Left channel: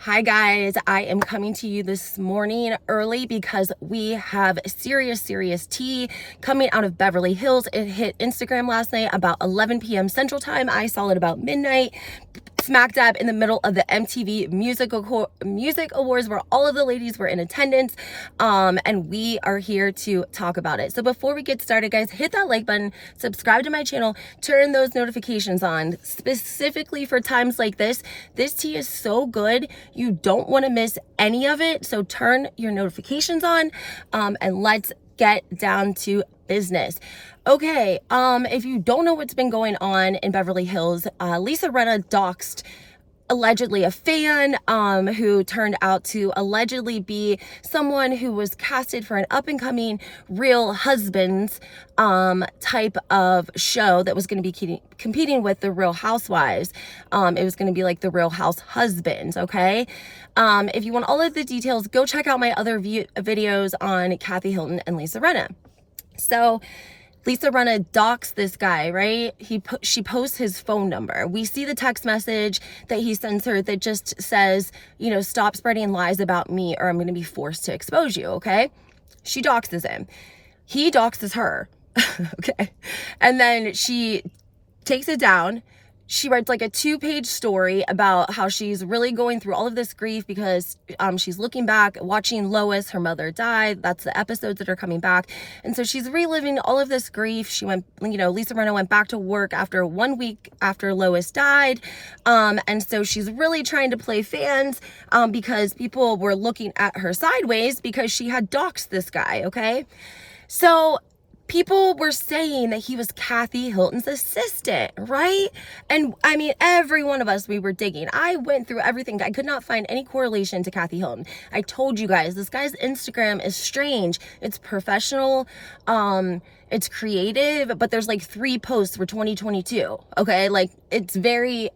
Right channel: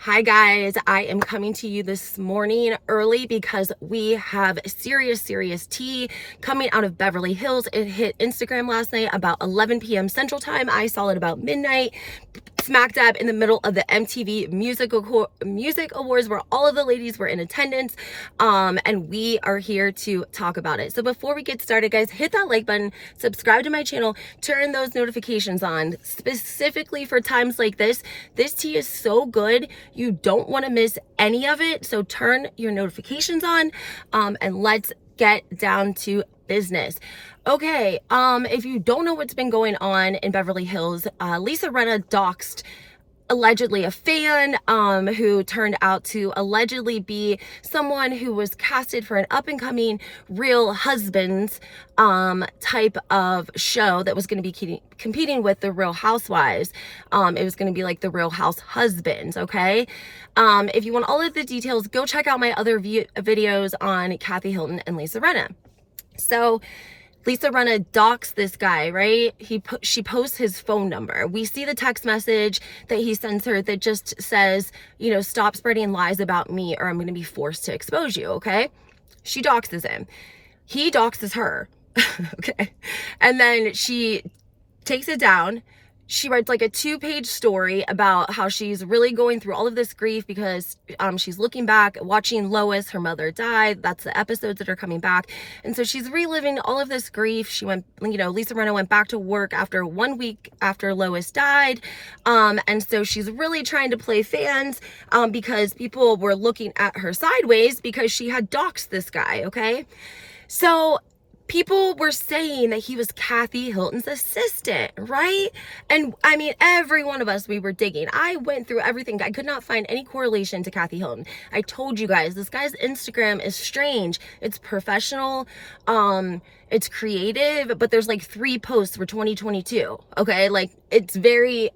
Hi guys, I am coming to you this morning early because we have serious tea coming out of Beverly Hills. It hit Instagram last night about 11 p.m. Central Time. I saw it about midnight, smack dab in the middle of the MTV Music Awards where all of the ladies were in attendance, and we are here to talk about it. So before we get started, guys, hit that like button, subscribe to my channel, turn those notifications on, specifically for times like this. This tea is so good. You don't want to miss any of it. So turn your notifications on, and let's get down to business. Okay, if you don't know what's been going on in Beverly Hills, Lisa Rinna doxed allegedly a fan who turned out to allegedly be someone who was casted for an up-and-coming Real Husbands type of show that was going to be competing with the Real Housewives. It was going to be like the Real House Husbands, okay? If you want all of the details, go check out my other videos on Kathy Hilton and Lisa Rinna. So Lisa Rinna doxed this guy, right? She posts his phone number. We see the text message that he sends her that just says, you know, stop spreading lies about me or I'm going to be forced to expose you, okay? She doxes him. He doxes her, okay? And then she takes it down. She writes like a 2-page story about how she's really going through all of this grief because she's looking back, watching Lois, her mother died. That's the episodes that are coming back. And so she's reliving all of this grief. She went, you know, Lisa Rinna went back to work after 1 week after Lois died. And so she's really trying to play fans because people were looking at her sideways because she had doxed this guy, okay? So people were saying that he was Kathy Hilton's assistant, right? And I mean, every one of us, we were digging. I went through everything. I could not find any correlation to Kathy Hilton. I told you guys, this guy's Instagram is strange. It's professional. It's creative, but there's like 3 posts for 2022. Okay. Like it's very,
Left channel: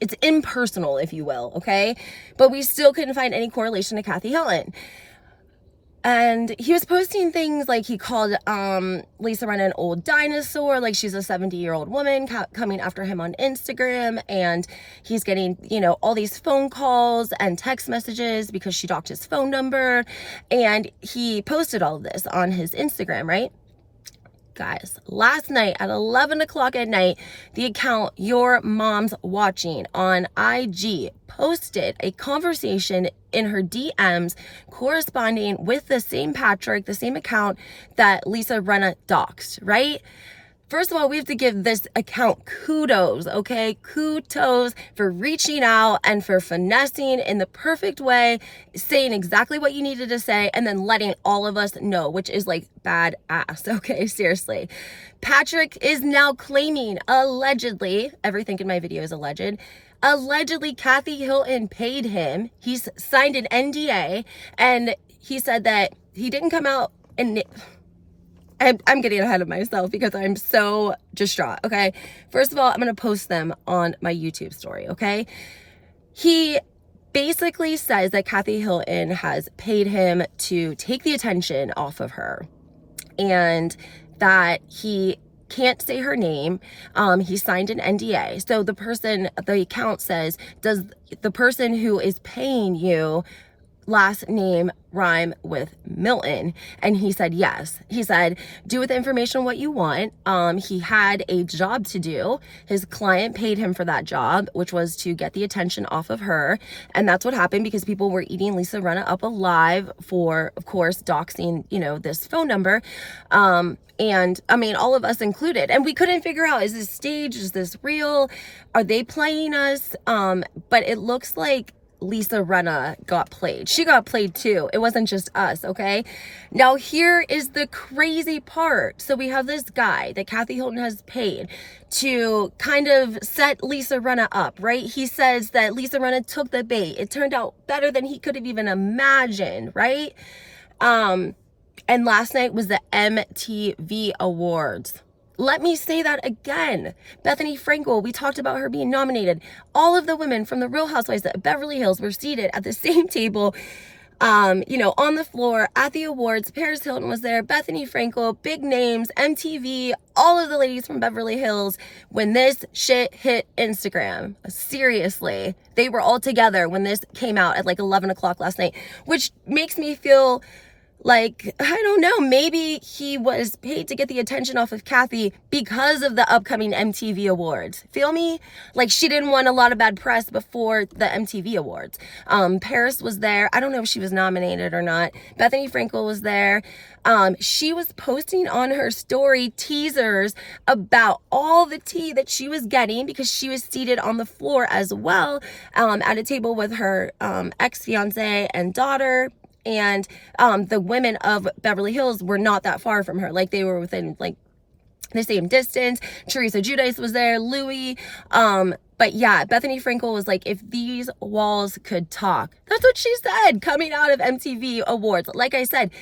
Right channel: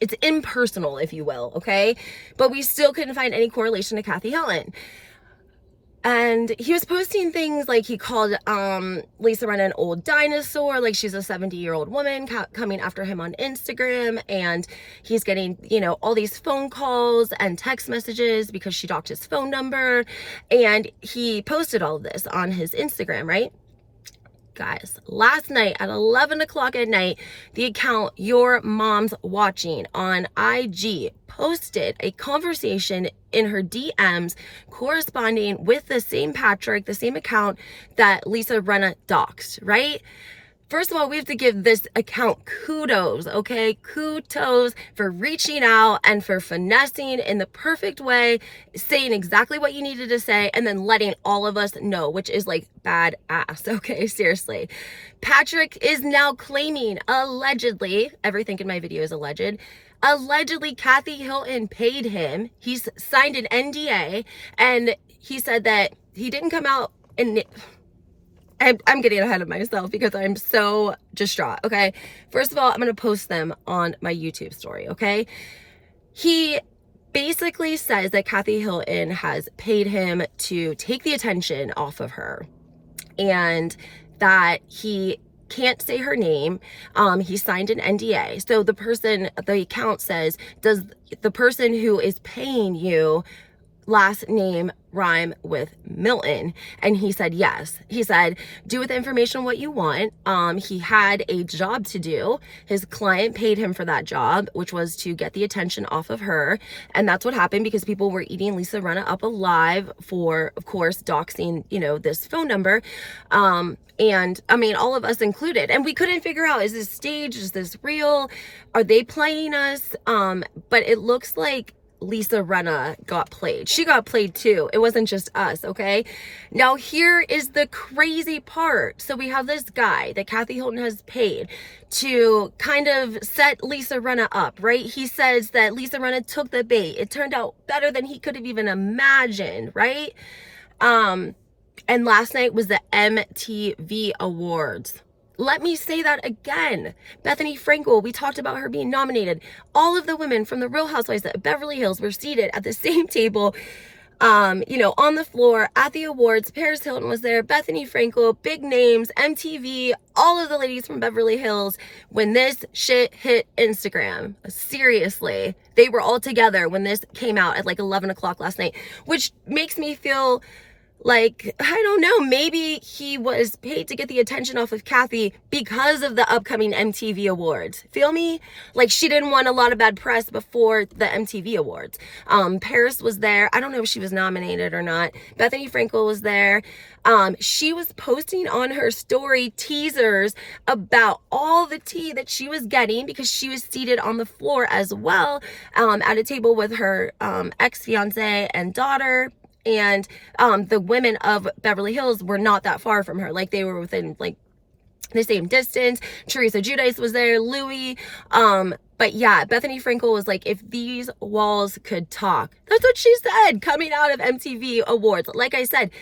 it's impersonal, if you will. Okay. But we still couldn't find any correlation to Kathy Hilton. And he was posting things like he called Lisa Rinna an old dinosaur, like she's a 70-year-old woman coming after him on Instagram. And he's getting, you know, all these phone calls and text messages because she doxed his phone number. And he posted all of this on his Instagram, right? Guys, last night at 11 o'clock at night, the account Your Mom's Watching on IG posted a conversation in her DMs corresponding with the same Patrick, the same account that Lisa Rinna doxed, right? First of all, we have to give this account kudos, okay? Kudos for reaching out and for finessing in the perfect way, saying exactly what you needed to say, and then letting all of us know, which is like badass, okay? Seriously. Patrick is now claiming, allegedly, everything in my video is alleged, allegedly Kathy Hilton paid him. He's signed an NDA, and he said that he didn't come out and... I'm getting ahead of myself because I'm so distraught, okay? First of all, I'm going to post them on my YouTube story, okay? He basically says that Kathy Hilton has paid him to take the attention off of her and that he can't say her name. He signed an NDA. So the account says, does the person who is paying you last name rhyme with Milton? And he said yes. He said, do with the information what you want. He had a job to do. His client paid him for that job, which was to get the attention off of her. And that's what happened because people were eating Lisa Rinna up alive for, of course, doxing, you know, this phone number. And I mean, all of us included, and we couldn't figure out, is this staged? Is this real? Are they playing us? But it looks like Lisa Rinna got played. She got played too. It wasn't just us, okay? Now here is the crazy part. So we have this guy that Kathy Hilton has paid to kind of set Lisa Rinna up, right? He says that Lisa Rinna took the bait. It turned out better than he could have even imagined, right? And last night was the MTV Awards. Let me say that again. Bethany Frankel, we talked about her being nominated. All of the women from the Real Housewives of Beverly Hills were seated at the same table you know, on the floor at the awards. Paris Hilton was there, Bethany Frankel, big names, MTV, all of the ladies from Beverly Hills. When this shit hit Instagram, seriously, they were all together when this came out at like 11 o'clock last night, which makes me feel like, I don't know, maybe he was paid to get the attention off of Kathy because of the upcoming MTV Awards. Feel me? Like, she didn't want a lot of bad press before the MTV Awards. Paris was there. I don't know if she was nominated or not. Bethany Frankel was there. She was posting on her story teasers about all the tea that she was getting because she was seated on the floor as well, at a table with her ex-fiance and daughter. And the women of Beverly Hills were not that far from her. Like, they were within like the same distance. Teresa Giudice was there, Louis. But yeah, Bethany Frankel was like, if these walls could talk. That's what she said coming out of MTV Awards. Like I said,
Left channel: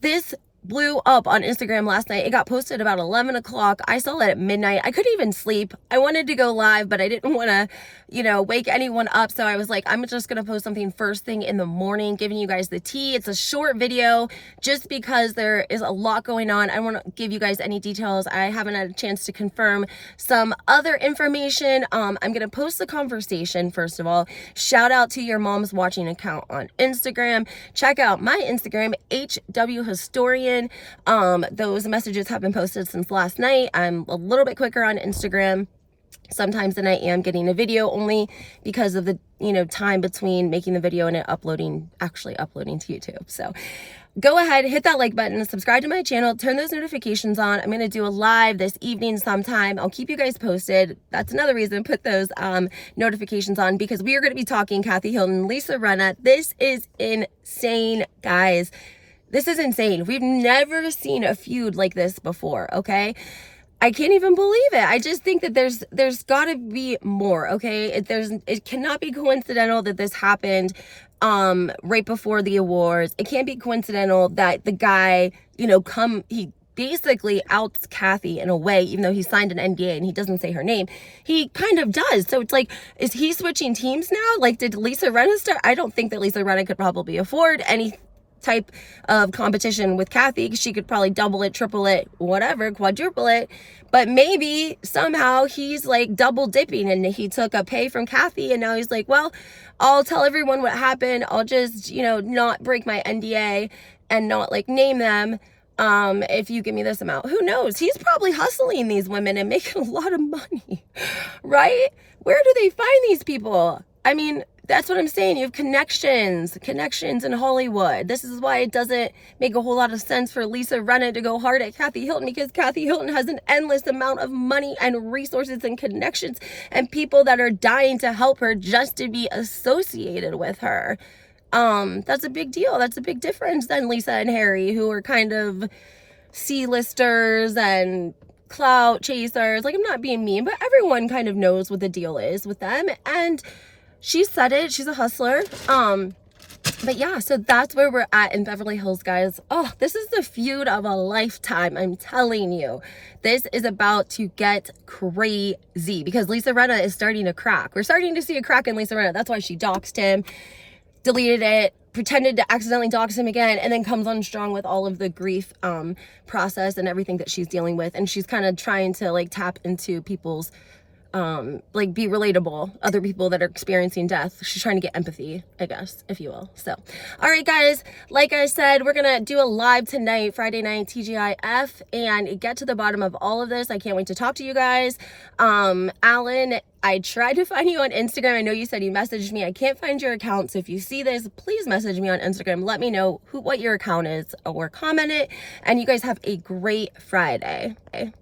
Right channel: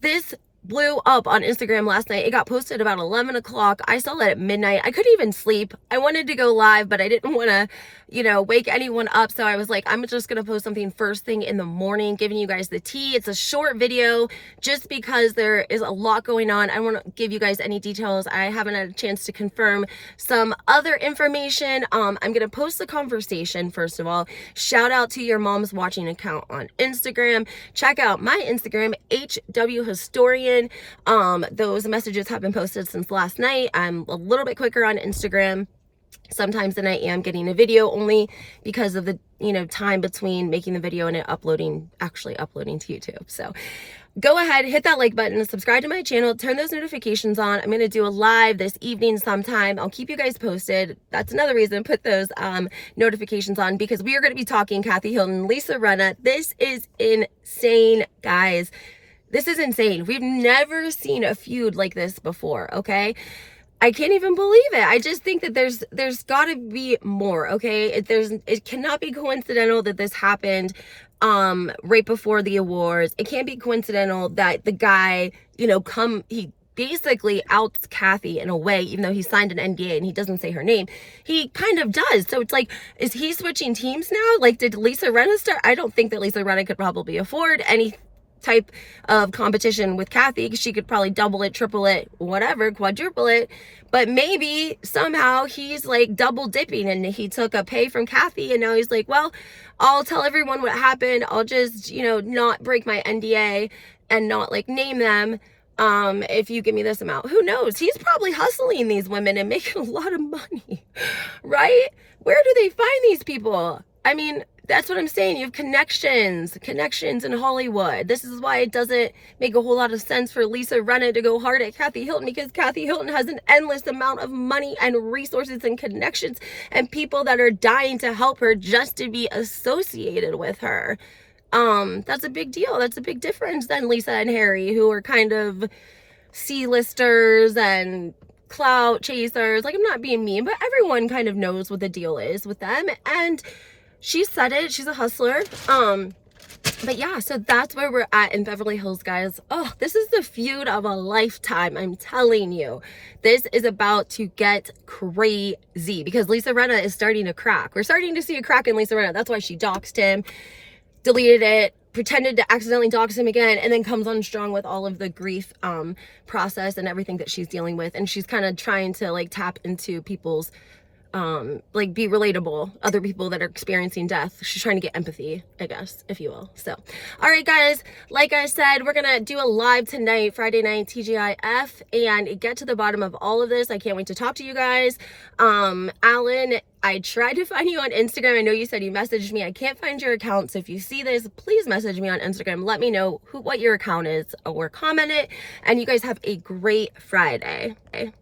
this blew up on Instagram last night. It got posted about 11 o'clock. I saw it at midnight. I couldn't even sleep. I wanted to go live, but I didn't want to, you know, wake anyone up. So I was like, I'm just going to post something first thing in the morning, giving you guys the tea. It's a short video just because there is a lot going on. I don't want to give you guys any details. I haven't had a chance to confirm some other information. I'm going to post the conversation first of all. Shout out to your mom's watching account on Instagram. Check out my Instagram, HW Historian. Those messages have been posted since last night. I'm a little bit quicker on Instagram sometimes than I am getting a video, only because of the, you know, time between making the video and it actually uploading to YouTube. So go ahead, hit that like button, subscribe to my channel, turn those notifications on. I'm going to do a live this evening sometime. I'll keep you guys posted. That's another reason, put those notifications on, because we are going to be talking Kathy Hilton, Lisa Rinna. This is insane, guys. This is insane. We've never seen a feud like this before, okay? I can't even believe it. I just think that there's got to be more, okay? It cannot be coincidental that this happened right before the awards. It can't be coincidental that the guy, you know, he basically outs Kathy in a way, even though he signed an NDA and he doesn't say her name. He kind of does. So it's like, is he switching teams now? Like, did Lisa Rinna start? I don't think that Lisa Rinna could probably afford any type of competition with Kathy. She could probably double it, triple it, whatever, quadruple it. But maybe somehow he's like double dipping and he took a pay from Kathy and now he's like, well, I'll tell everyone what happened. I'll just, you know, not break my NDA and not like name them if you give me this amount. Who knows? He's probably hustling these women and making a lot of money, right? Where do they find these people? I mean, that's what I'm saying. You have connections in Hollywood. This is why it doesn't make a whole lot of sense for Lisa Rinna to go hard at Kathy Hilton, because Kathy Hilton has an endless amount of money and resources and connections and people that are dying to help her just to be associated with her. That's a big deal. That's a big difference than Lisa and Harry, who are kind of C-listers and clout chasers. Like, I'm not being mean, but everyone kind of knows what the deal is with them. And she said it. She's a hustler. But yeah, so that's where we're at in Beverly Hills, guys. Oh, this is the feud of a lifetime. I'm telling you, this is about to get crazy because Lisa Rinna is starting to crack. We're starting to see a crack in Lisa Rinna. That's why she doxed him, deleted it, pretended to accidentally dox him again, and then comes on strong with all of the grief process and everything that she's dealing with. And she's kind of trying to like tap into people's like be relatable, other people that are experiencing death. She's trying to get empathy, I guess, if you will. So, all right, guys, like I said, we're gonna do a live tonight, Friday night, TGIF, and get to the bottom of all of this. I can't wait to talk to you guys. Alan, I tried to find you on Instagram. I know you said you messaged me. I can't find your account. So if you see this, please message me on Instagram. Let me know what your account is or comment it. And you guys have a great Friday. Okay?